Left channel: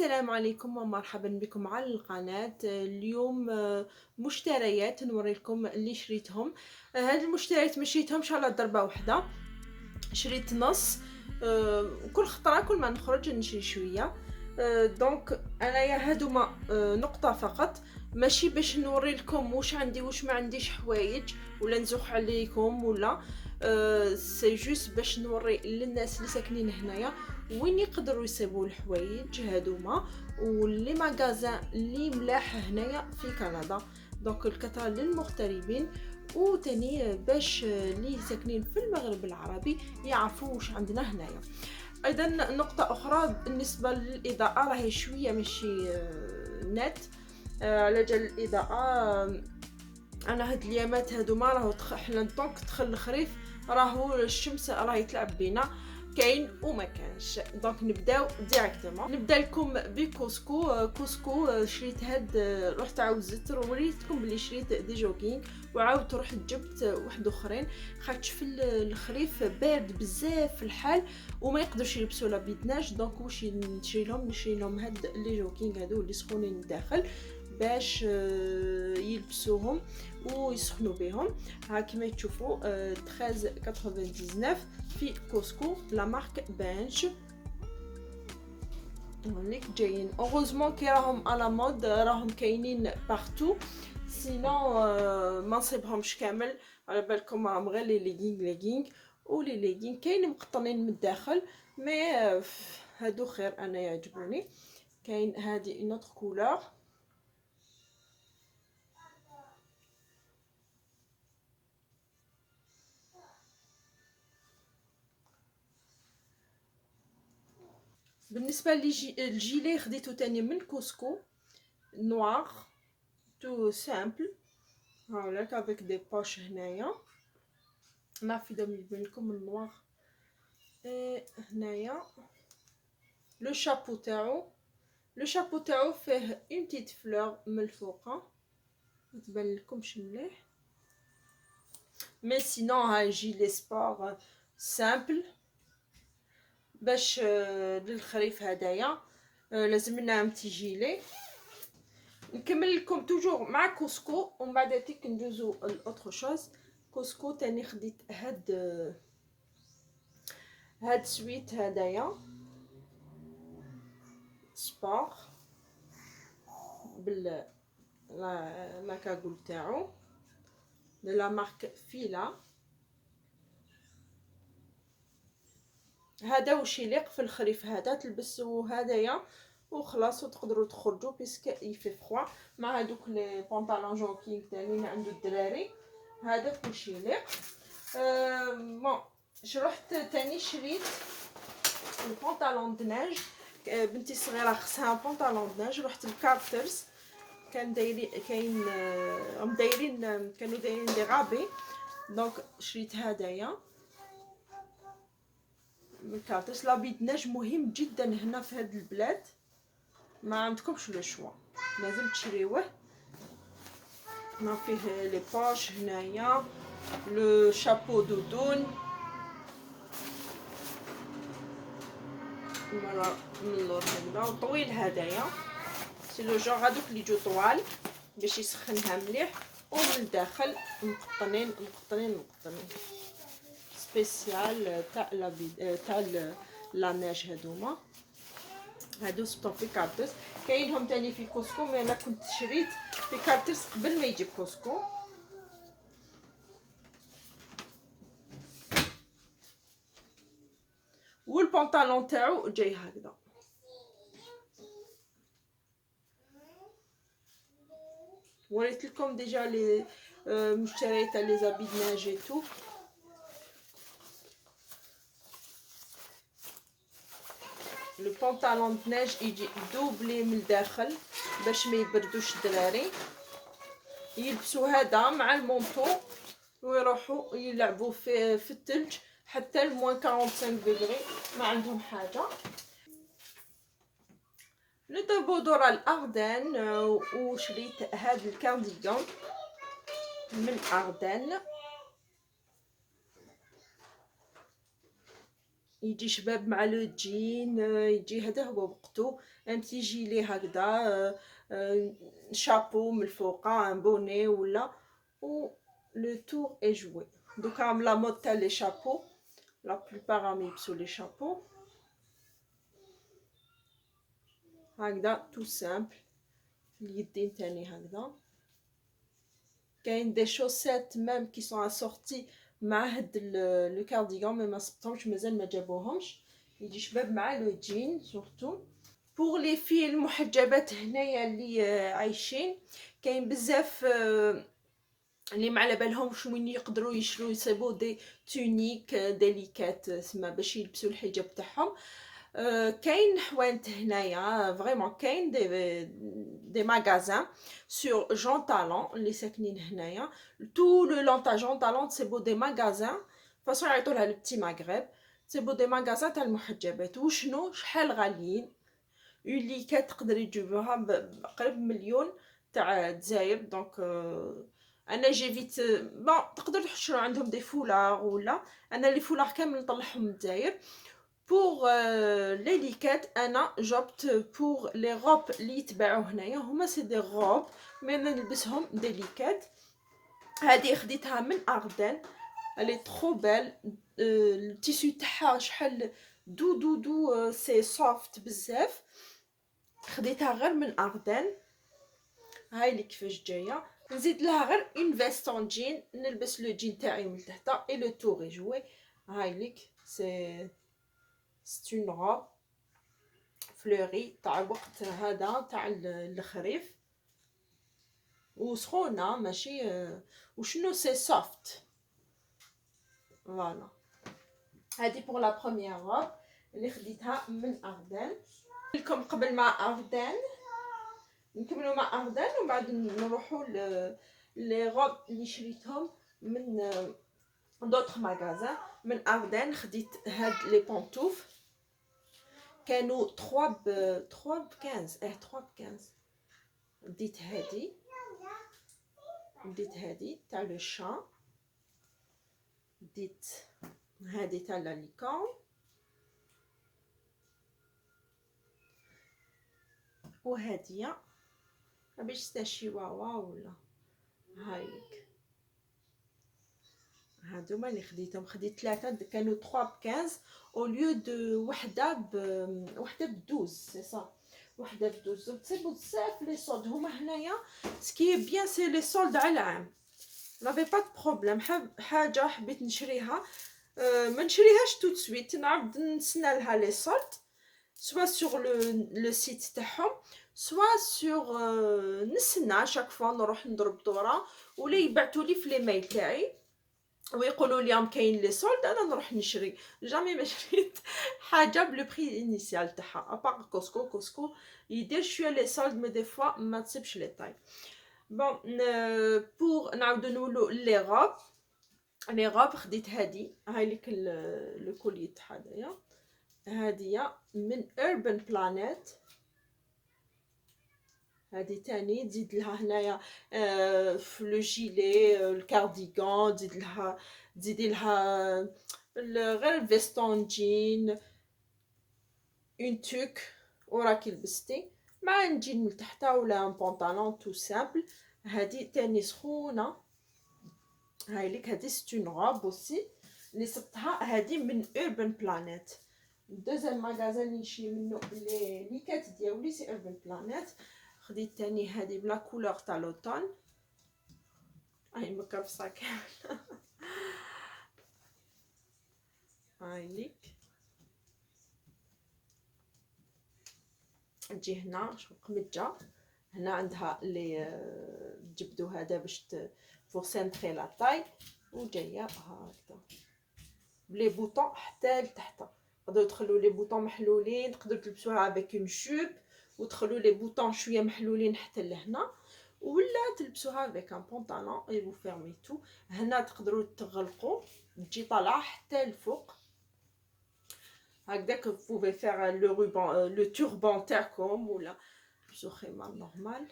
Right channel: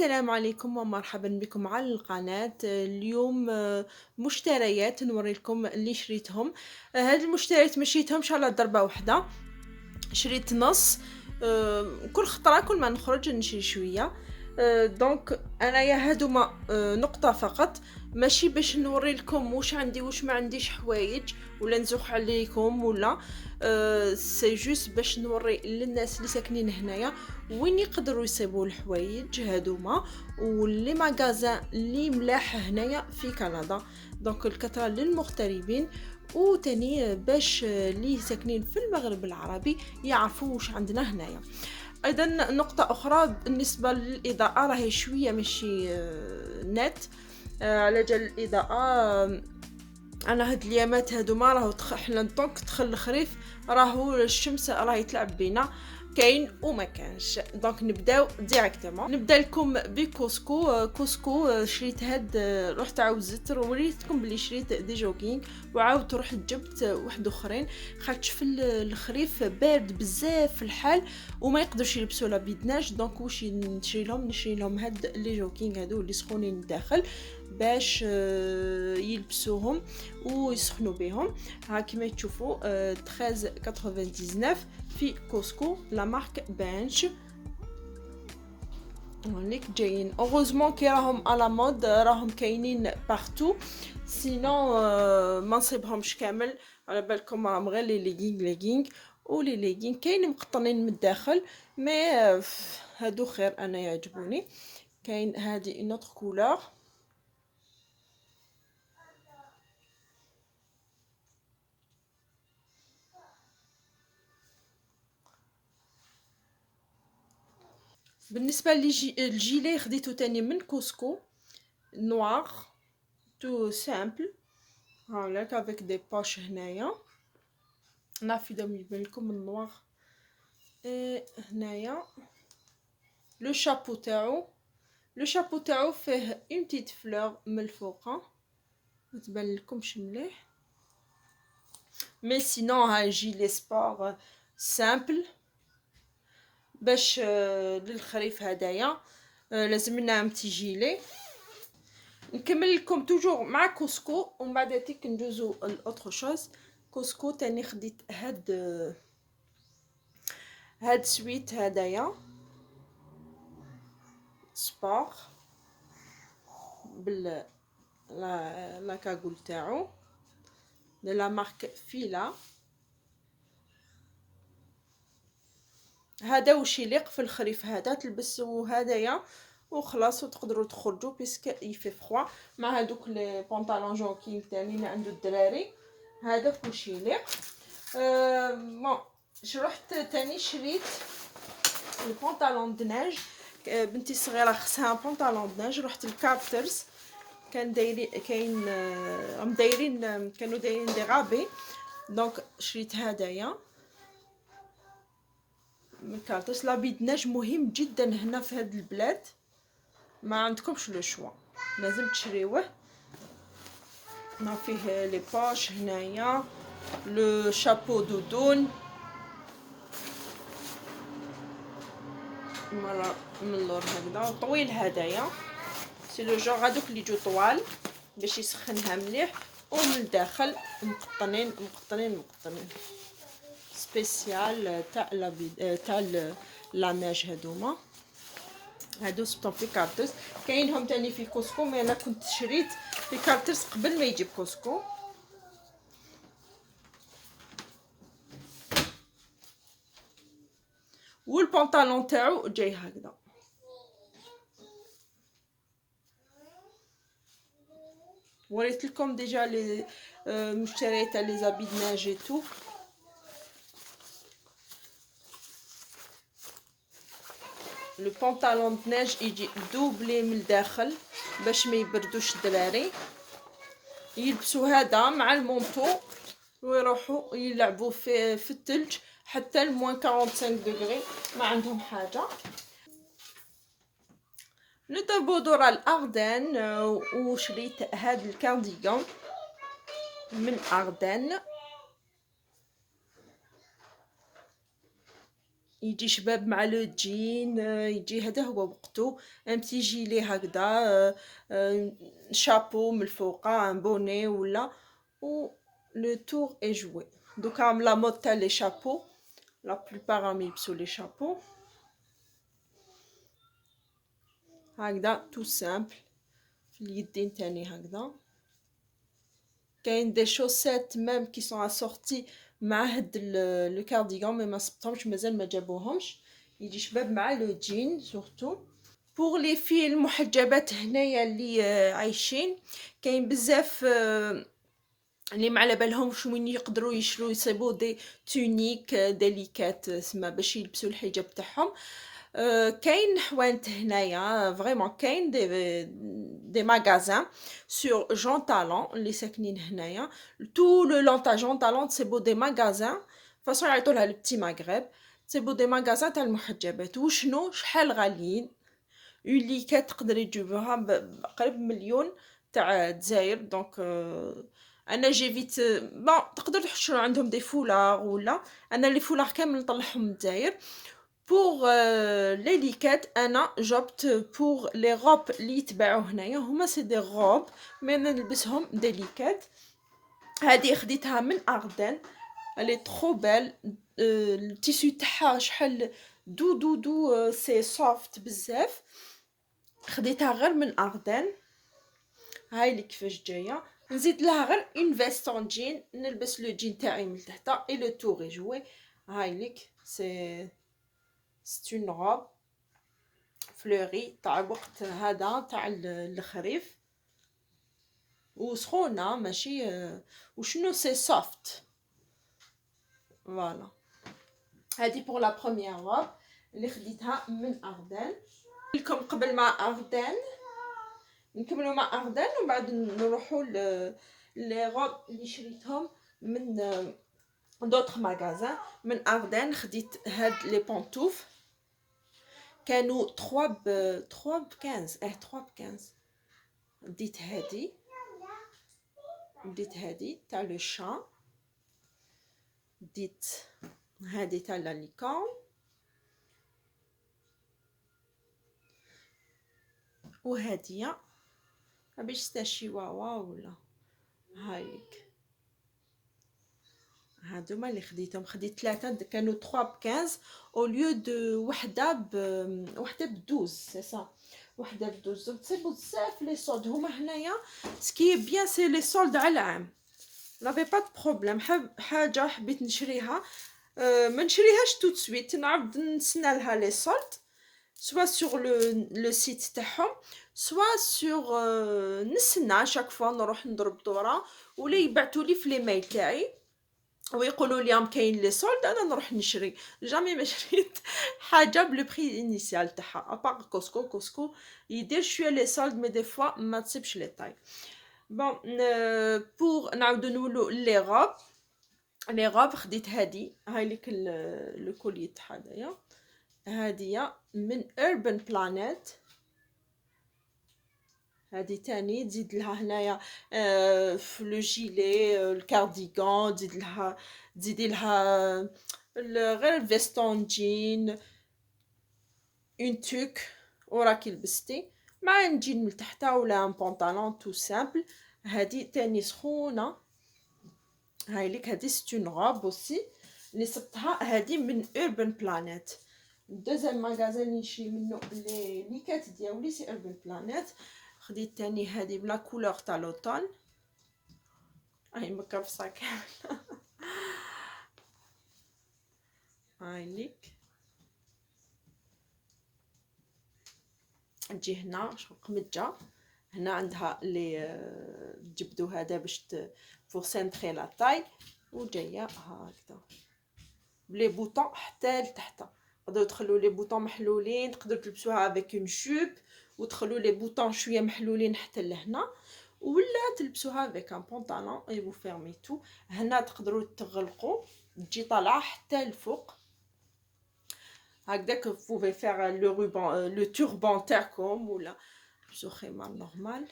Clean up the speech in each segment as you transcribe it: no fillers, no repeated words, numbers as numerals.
السلام عليكم ومرحبا بكم على القناة. اليوم مشتريات نوري لكم اللي شريتهم. هاد المشتريات ما شريتهمش على ضربة واحدة، شريت نص. كل خطرة كل ما نخرج نشري شوية. دونك انايا هادوما نقطة فقط، ماشي باش نوري لكم واش عندي واش ما عنديش حوايج ولا نزوق عليكم ولا سي جوست باش نوري للناس اللي ساكنين هنايا وين يقدروا يصيبوا الحوايج هادوما واللي ماغازان اللي ملاح هنايا في كندا. دونك الكثرة للمغتربين وتاني باش اللي ساكنين في المغرب العربي يعرفوا واش عندنا هنايا. ايضا نقطة اخرى بالنسبة للاضاءة راهي شوية ماشي نت. على جال الاضاءة انا هاد اليامات هادوما راهو حنا دونك دخل الخريف راهو الشمس راهي تلعب بينا كاين وما كانش. دونك نبداو ديريكتومون. نبدا لكم بكوسكو. كوسكو شريت هاد، رحت عاوزت وريتكم بلي شريت دي جوكينغ وعاودت رحت جبت واحد اخرين خاطش في الخريف بارد بزاف في الحال وما يقدرش يلبسوا لا بيدناج. دونك واش نشري لهم هاد لي جوكينغ هادو اللي سخونين داخل باش يلبسوهم ويسخنوا بهم. ها كما تشوفوا 13.99 في كوسكو لا مارك بانش. هونيك جايين اوغوزمون كي راهم على مود راهم كاينين بارتو، سينو ما نصيبهمش كامل. على بالكم راهم غير لي ليغينغ ولي ليغينغ كاين مقطنين من الداخل مي هادو خير انا يعجبوني. كاين هادي اون اوتر كولور بالنسبه للجيلي خديته تاني من كوسكو نوار تو سامبل هاك افيك دي باش هنايا نافذه يبان لكم النوار. هنايا لو شابو تاعو، لو شابو تاعو فيه اون بتيت فلور من الفوقه ما تبان لكمش مليح مي سينو ها جيلي سبور سامبل باش للخريف هدايا لازم لنا امتي جيلي. نكمل لكم توجور مع كوسكو ومن بعد تيك ندوزو لاوتر شوز. كوسكو تاني خديت هاد سويت هدايا سبور بال لا كاغول تاعو de la marque فيلا. هذا واش يليق في الخريف، هذا تلبسوا هدايا وخلاص وتقدروا تخرجوا بيسك يفي فروا مع هذوك لي بونطالون جوكينغ تاني اللي عنده الدراري. هذا واش يليق. بون رحت تاني شريت البونطالون دناج. بنتي الصغيره خصها بونطالون دناج. رحت لكارترز كان كاين راهم دايرين كانوا دايرين دي غابي دونك شريت هدايا من كارترز. لابيدناج مهم جدا هنا في هاد البلاد ما عندكمش لو شوا لازم تشريوه. هنا فيه لي باش هنايا لو شابو دودون مرة من اللور هكذا طويل هدايا سي لو جونغ هادوك اللي يجو طوال باش يسخنها مليح ومن الداخل مقطنين سبيسيال تاع تاع لاناج. هادو سبتو في كارترز كاينهم تاني في كوسكو مي انا كنت شريت في كارترز قبل ما يجي كوسكو. والبنطالون تاعو جاي هكذا. وريت لكم ديجا لي مشتريات تاع لي زابي دناج تو. لو بونطالون دناج يجي دوبلي من الداخل باش ما يبردوش الدراري يلبسوا هذا مع المونطو ويروحوا يلعبوا في الثلج حتى الموان 45 دغري ما عندهم حاجه. نضربوا دور الاردن وشريت هذا الكارديغان من اردن. يجي شباب مع لو جين، يجي هذا هو وقته. ان بتي جيلي هكذا، شابو من الفوقه، ان بوني ولا، و لو تور اي جوي. دوكا لا مود تاع لي شابو، لا بلوبار راهم يلبسوا لي شابو هكذا تو سامبل. في اليدين تاني هكذا. كاين دي شوسيت ميم كي سون اسورتي مع هاد لو كارديغون، مي ما صبتهمش مازال ما جابوهمش. يجي شباب مع لو جين سورتو. بوغ لي في المحجبات هنايا اللي عايشين، كاين بزاف اللي ما على بالهمش وين يقدروا يشرو يصيبوا دي تونيك ديليكات سما باش يلبسوا الحجاب تاعهم. كاين حوانت هنايا فريمون، كاين دي ماغازان سور جون تالون اللي ساكنين هنايا. تو لو لون تاع جون تالون تسيبو دي ماغازان فاصون يعيطولها لبتي مغرب، تسيبو دي ماغازان تاع المحجبات. وشنو شحال غاليين، يوليكات تقدر يجيبوها بقريب مليون تاع دزاير. دونك انا جيفيت بون تقدر تشرو عندهم دي فولار ولا. انا لي فولار كامل نطلعهم من دزاير. بوغ لي ليكات انا جبت بوغ لي غوب اللي يتباعوا هنايا، هما سي دي غوب مي نلبسهم ديليكات. هذه خديتها من اردن، الي ترو بيل. التيسو تاعها شحال دو دو دو، سي سوفت بزاف. خديتها غير من اردن. هاي اللي كيفاش جايه. نزيد لها غير اون فيستون جين، نلبس لو جين تاعي من تحت اي لو تور جوي. هاي ليك سي اون روب فلوري تاع الوقت هذا تاع الخريف، وسخونه ماشي وشنو سي سوفت. فوالا هذه بور لا بروميير روب اللي خديتها من اردن. لكم قبل ما اردن نكملوا مع اردن، وبعد نروحوا لي غوب اللي شريتهم من دوطخ ماغازان. من اردن خديت هاد لي بونطوف، كانوا 3 ب 15. 3 ب 15. ديت هادي تاع لو شان، ديت هادي تاع لا ليكون، وهادية باش تا شيواوا ولا. هايليك هادوما اللي خديتهم. خديت 3 كانوا 3 ب 15 او ليو دو وحده ب 12 سي سا. وحده ب 12. تصيبوا بزاف لي سولد هما هنايا. سكي بيان سي لي سولد على العام، لافي با دو بروبليم. حاجه حبيت نشريها ما نشريهاش تو سويت، نعاود نستنى لها لي سولد سوا سور لو سيت تاعهم، سوا سور نستنى شاك فوا نروح نضرب دوره، ولا يبعثوا لي في لي ميل تاعي ويقولوا لي كاين لي سولد، انا نروح نشري. جامي ما شريت حاجه بلو بري انيسيال تاعها ابار كوسكو. كوسكو يدير شويه لي سولد مي دي فوا ما تصيبش لي طاي. بون بور نعاودو نولو لي غوب. لي غوب خديت هادي، هاي ليك لو كولي تاع هدايا. هادية من urban planet. هادي تاني تزيد لها هنايا في لو جيلي الكارديغون، تزيدي لها غير الفيستون جين، اون توك وراكي لبستي مع نجين من تحتها ولا ان بونطالون تو سامبل. هادي تاني سخونه. هاي ليك هادي ستون غوب اوسي اللي صبتها. هادي من urban planet. دوزيام ماغازان اللي نشري منو لي ليكات ديالي سي urban planet. خديت تاني هادي بلا كولور تاع لوطون، هاي مكرفصه كامل. هاي ليك تجي هنا شغل قمجه، هنا عندها لي تجبدو هذا باش بور سنتري لا طاي، وجايه هكذا بلي بوطون حتى لتحت. تقدروا تخلوا لي بوطون محلولين، تقدروا تلبسوها افيك اون جوب وتخلوا لي بوطون شويه محلولين حتى لهنا، ولا تلبسوها افيك ان بونطالون اي فو فيرمي تو. هنا تقدروا تغلقوا تجي طالعه حتى الفوق هكذاك. بوفي فير لو روبان لو توربان تاعكم، ولا تلبسوا خمار نورمال.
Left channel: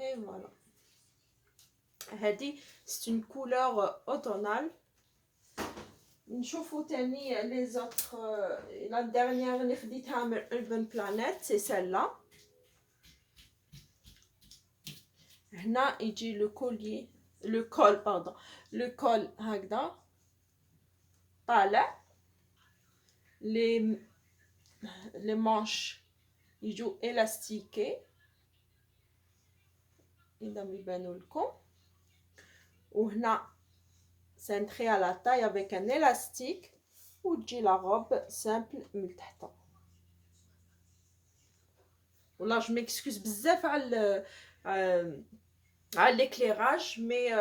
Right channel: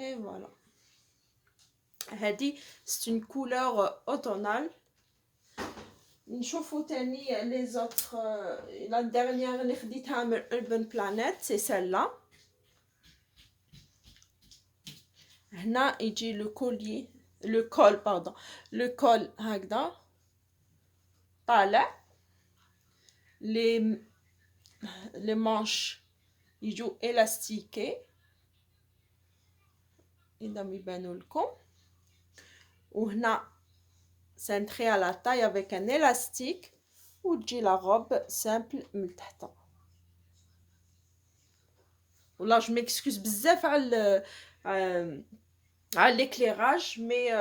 اي فوالا هادي سي اون كولور اوتونال نشوفوا تاني لي زوتر. لا ديرنيير اللي خديتها من Urban Planet سي سيلا. هنا يجي لو كولي، لو كول باردون، لو كول هكذا طالع، لي مانش يجو الاستيكي اذا يبانوا لكم، وهنا سنتري على تاي افيك ان الاستيك، وتجي لا روب سامبل من تحت. ولا جو ميكسكوز بزاف على ليكليراج، مي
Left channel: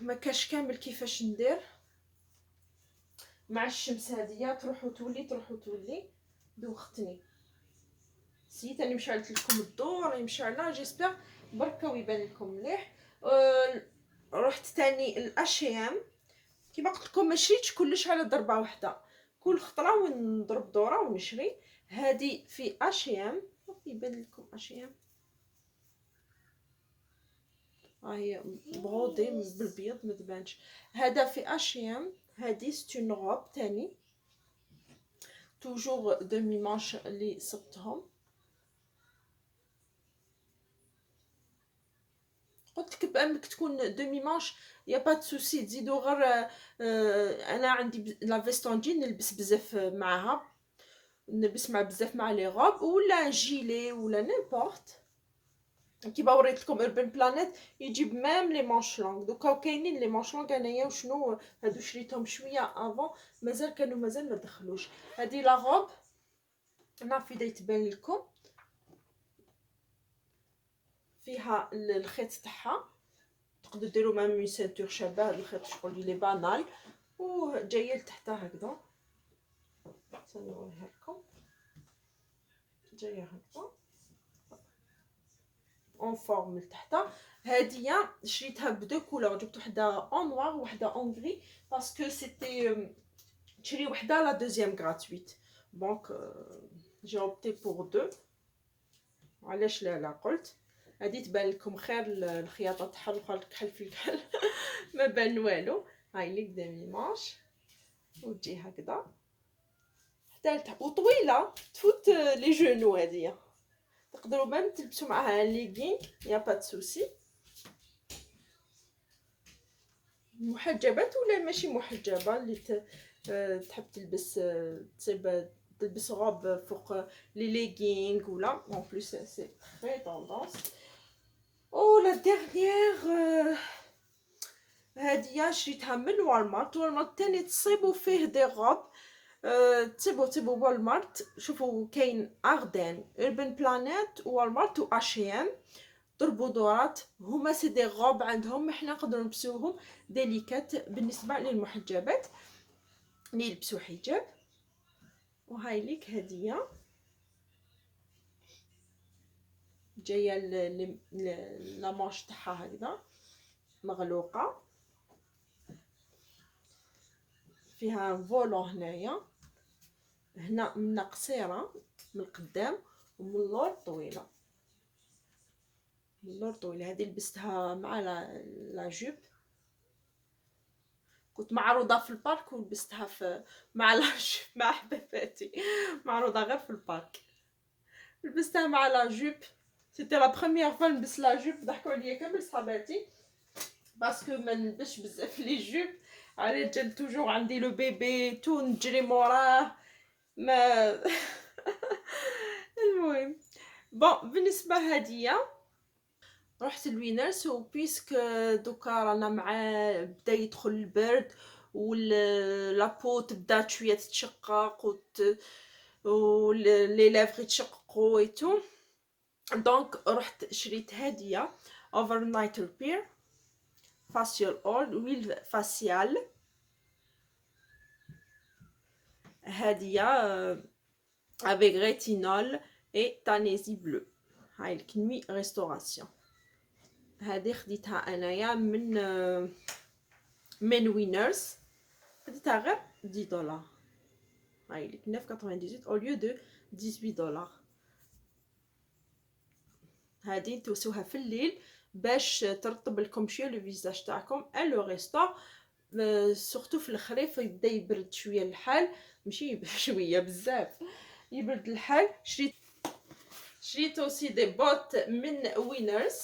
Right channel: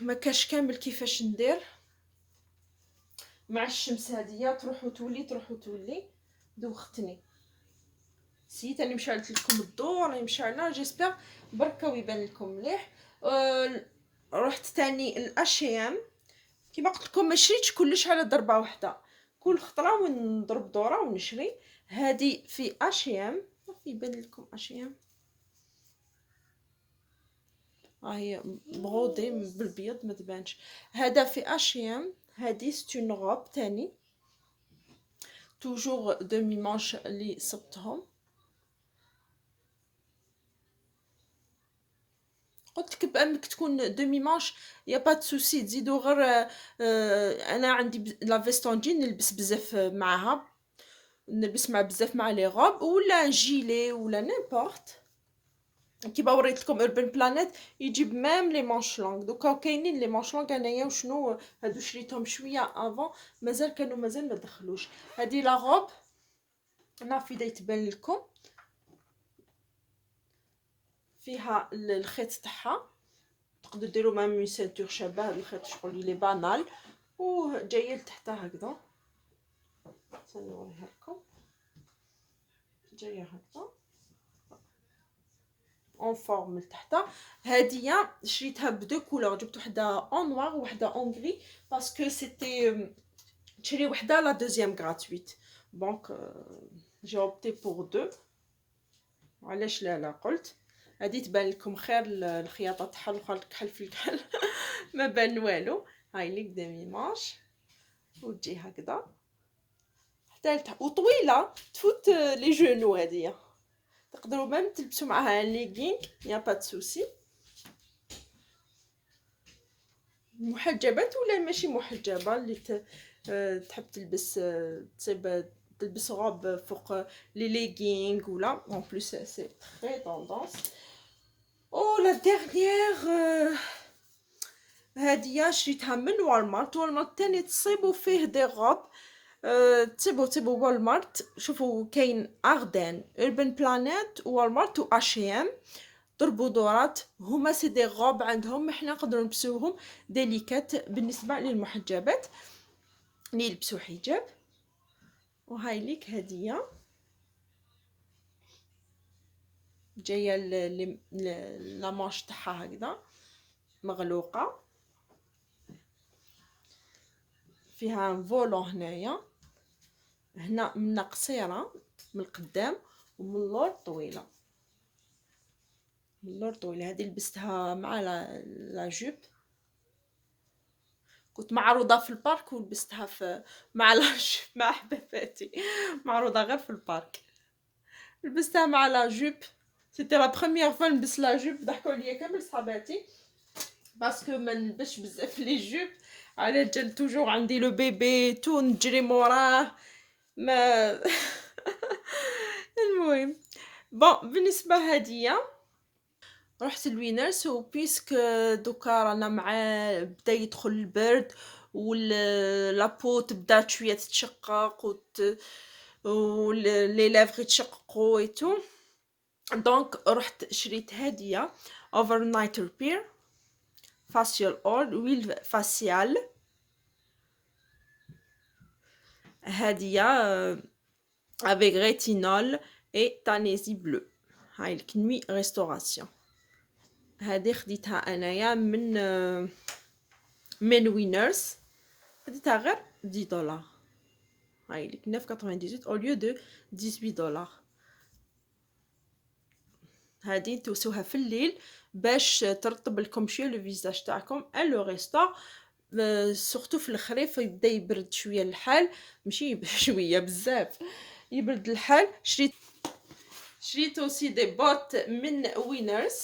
ما كاش كامل كيفاش ندير مع الشمس هادية، تروح وتولي تروح وتولي، دوختني. سيت راني مشعلت لكم الضوء، راني مشعله، جيسبر بركا ويبان لكم مليح. رحت تاني الاشيام، كيما قلت لكم ما شريتش كلش على ضربه واحده، كل خطره ونضرب دوره ونشري. هذه في اشيام، يبان لكم اشيام، هي برودي بالبيض ما تبانش. هذا في اشيام، هذه ستون روب تاني توجور دومي مانش اللي صبتهم. قلت لك بانك تكون دومي مانش يا با سوسي، تزيدوا غير. انا عندي لا فيستونجين نلبس بزاف معاها، نلبس مع بزاف مع لي غوب ولا جيلي ولا نيمبورت. كيما وريت لكم اوربان بلانيت يجيب ميم لي مانش لونغ. دوكا كاينين لي مانش لونغ انايا وشنو هادو شريتهم شويه افون، مازال ما دخلوش. هادي لا غوب نافي دا يتبان لكم، فيها الخيط تاعها، تقدروا ديروا ميم اون سينتور شابه. هاد الخيط شغل لي بانال وجايه لتحت هكذا، نوريها لكم، جايه هكذا اون فورم لتحت. هاديه شريتها بدو كولور، جبت وحده اون نوار وحده اون غري باسكو سيتي تشري وحده لا دوزيام غراتويت، دونك جي اوبتي بور دو. علاش لا قلت هادي تبان لكم خير الخياطه تاعها، الاخرى الكحل في الكحل ما بان والو. هاي لي قدامي ماش وتجي هكذا حتى لتحت وطويله تفوت لي جونو. هاديه تقدروا ميم تلبسوا معاها ليغينغ، يا با سوسي. محجبات ولا ماشي محجبه اللي تحب تلبس، تصيب تلبس روب فوق لي ليغينغ ولا اون بليس سي تري طوندونس. او لا ديرنيير هاديه شريتها من والمارت. والمارت تاني تصيبوا فيه دي غوب، تصيبوا والمارت. شوفوا كاين اردن، اوربان بلانيت، والمارت و اشيام. ضربوا دورات، هما سي دي غوب عندهم، احنا نقدروا نلبسوهم ديليكات بالنسبه للمحجبات اللي يلبسوا حجاب. وهاي ليك هديه جايه لا مانش تاعها هكذا مغلوقه، فيها فولون هنايا، هنا من قصيره من القدام ومن اللور طويله. من اللور طويله، هذه لبستها مع لا جوب، كنت معروضه في البارك ولبستها مع لا جوب مع حباباتي، معروضه غير في البارك، لبستها مع لا جوب. سيتي لا بروميير فوا نلبس لا جوب، ضحكوا عليا كامل صحاباتي باسكو ما نلبسش بزاف لي جوب، على جال توجور عندي لو بيبي تو نجري موراه ما المهم بون بالنسبه هديه رحت لوينرس. وبيسك دوكا رانا مع بدا يدخل البرد لابو تبدا شويه تتشقق ولي لافغ يتشققوا ايتو، دونك رحت شريت هديه اوفر نايت ريبير فاسيال اول ويل فاسيال. هديه avec rétinol et تانيزي بلو. هاي الكنمي ريستوراسيون، هذه خديتها انايا من وينرز، خديتها غير $10. هاي لك 9.98 au lieu de $18. هذه توسوها في الليل باش ترطب لكم شويه لو فيزاج تاعكم. ان لو ريستور سورتو في الخريف يبدا يبرد شويه الحال، ماشي شويه بزاف يبرد الحال. شريت اوسي دي بوت من وينرز،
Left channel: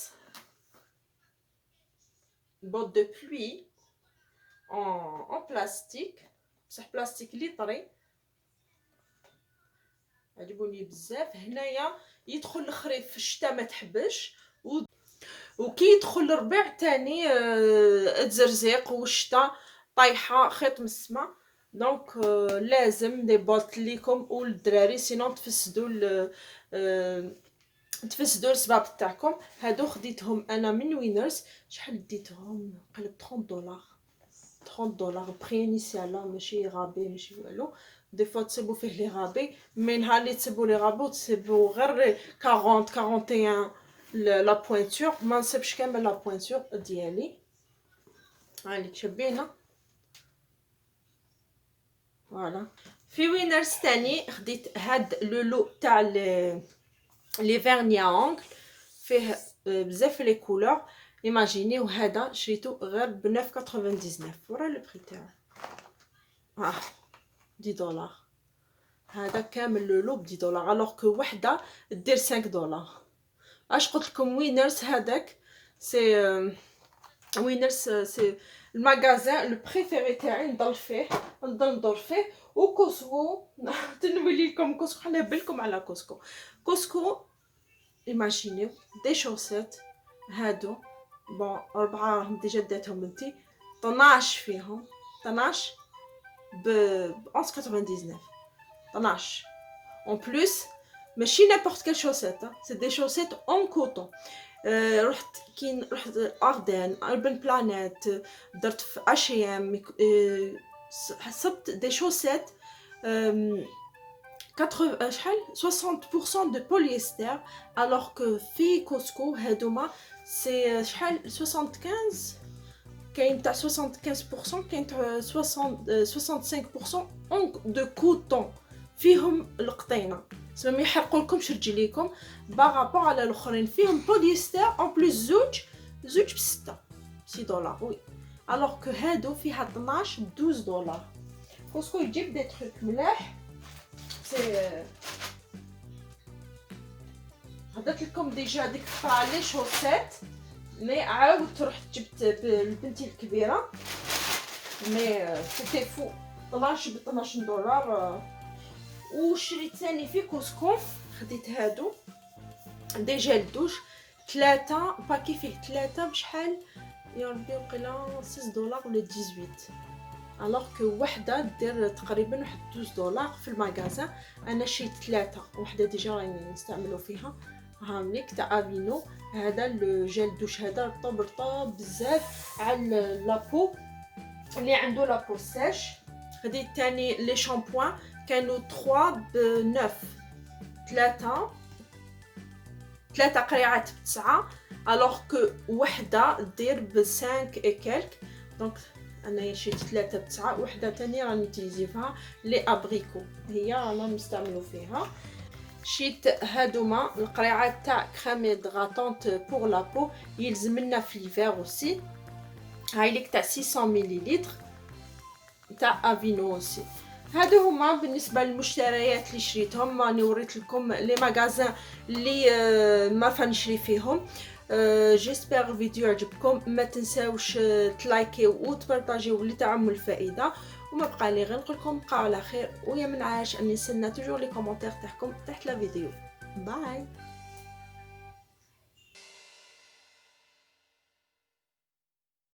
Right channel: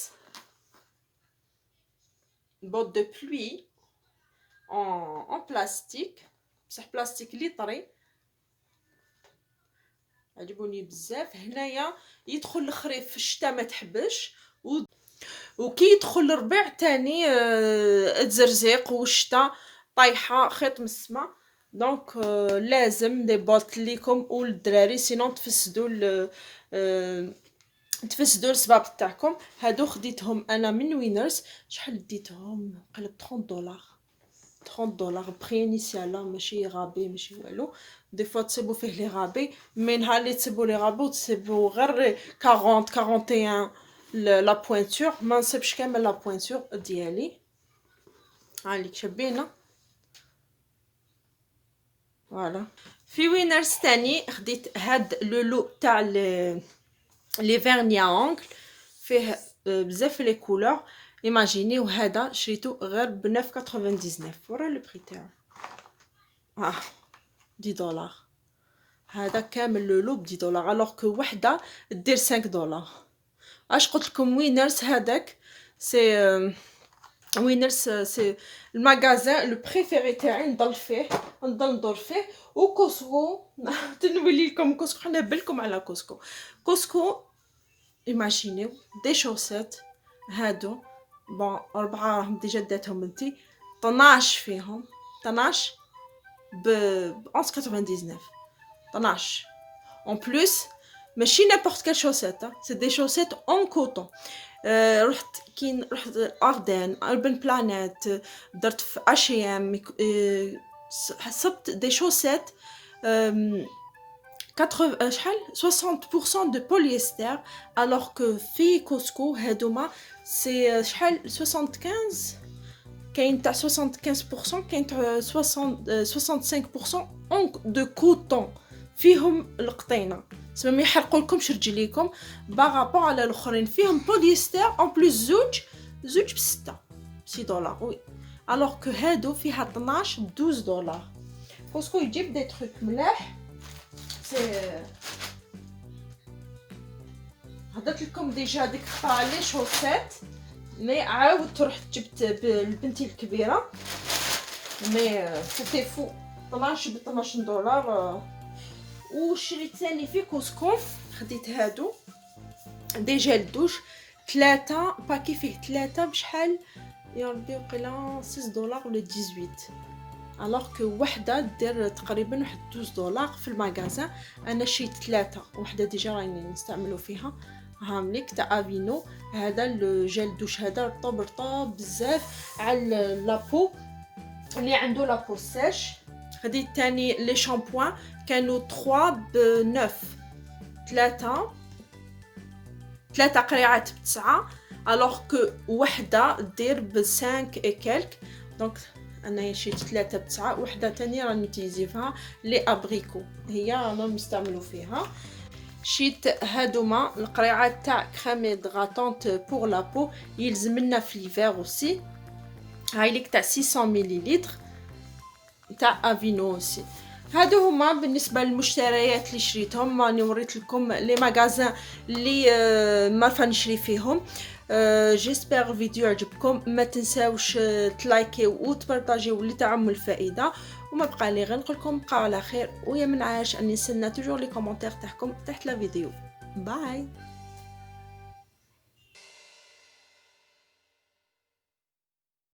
بوت دو بلوي en بلاستيك، بصح بلاستيك لي طري، عجبوني بزاف. هنايا يدخل الخريف في الشتاء ما تحبش، وكي يدخل الربيع تاني تزرزيق والشتاء طايحه خيط من السما. دونك لازم دي بوت ليكم وللدراري، سينون تفسدوا الصباب تاعكم. هادو خديتهم انا من وينرز. شحال ديتهم؟ قلب 30 دولار، 30 دولار بخي انيسيال، ماشي غابي ماشي والو. دي فوا تصيبوا فيه لي غابي، مي نهار اللي تصيبوا لي غابو تصيبوا غير 40 41 لا بوينتور، ما نصيبش كامل لا بوينتور ديالي. هانيك شابينه فوالا. في وينرز تاني خديت هاد لولو تاع لي فيرني اونغل، فيه بزاف لي كولور. ايماجينيو هذا شريته غير ب 9.99، ورا لو بري تاعو 10 دولار. هذا كامل لولو ب 10 دولار، الوغ كو وحده دير 5 دولار. اش قلت لكم وينرز هذاك سي وينرز سي المغازان لو بريفيري تاعي، نضل فيه نضل ندور فيه. وكوسكو تنولي لكم كوسكو، حنا بالكم على كوسكو. كوسكو ايماجينيو دي شوسيت هادو بون 4 راهم ديجا داتهم انتي 12 فيهم، 12 ب 11.99، 12 اون بلوس. ماشي نابورت كال شوسيت، سي دي شوسيت اون كوطون. رحت اردن، اربن بلانيت، درت في اشيام، حسبت دي شوسيت 80 شحال 60% de polyester، alors que في كوسكو هادوما سي شحال 75، كاين تاع 75%، كاين تاع 65% دو كوطون فيهم القطينه، سما ما يحرقوا لكمش رجليكم باغابور على الاخرين. فيهم بوليستر اون بلوس زوج ب6 دولار وي، الوغ كو هادو فيها 12 ب 12 دولار. كوسكو يجيب دي تروك ملاح. هدرت لكم ديجا ديك الخطره لي شوسيت، مي عاودت رحت جبت لبنتي الكبيره، مي سيتي فو 12 ب 12 دولار. وشريت ثاني في كوسكو، خديت هادو دي جيل دوش 3 باكي، فيه 3 بشحال يا ربي وقيلا 6 دولار ولا 18، الوغ كو وحده دير تقريبا واحد 12 دولار في المغازان. انا شريت 3، وحده ديجا راني نستعملو فيها. هامليك تاع افينو، هذا لو جيل دوش هذا رطب بزاف على لابو اللي عنده لابو سيش. خديت تاني لي شامبوان كانوا 3 ب 9، 3 قريعات ب9، الوغ كو وحده دير ب 5 اي كالك. دونك انا شريت 3 ب9، وحده تانية راني نتيزيفها لي ابريكو، هي رانا نستعملو فيها. شريت هادوما القريعات تاع كريم غاطونت بور لابو، يلزم لنا في ليفير اوسي. هاي ليك تاع 600 مليلتر تاع افينو اوسي. هادو هما بالنسبه للمشتريات اللي شريتهم. راني وريت لكم لي ماغازان اللي ما فنشري فيهم. جيسبر الفيديو عجبكم، ما تنساوش تلايكيو وتبارطاجيو اللي تعم الفائده. وما بقى لي غير نقول لكم بقاو على خير، ويا من عاش اني نستنى توجور لي كومونتير تاعكم تحت لا فيديو. باي.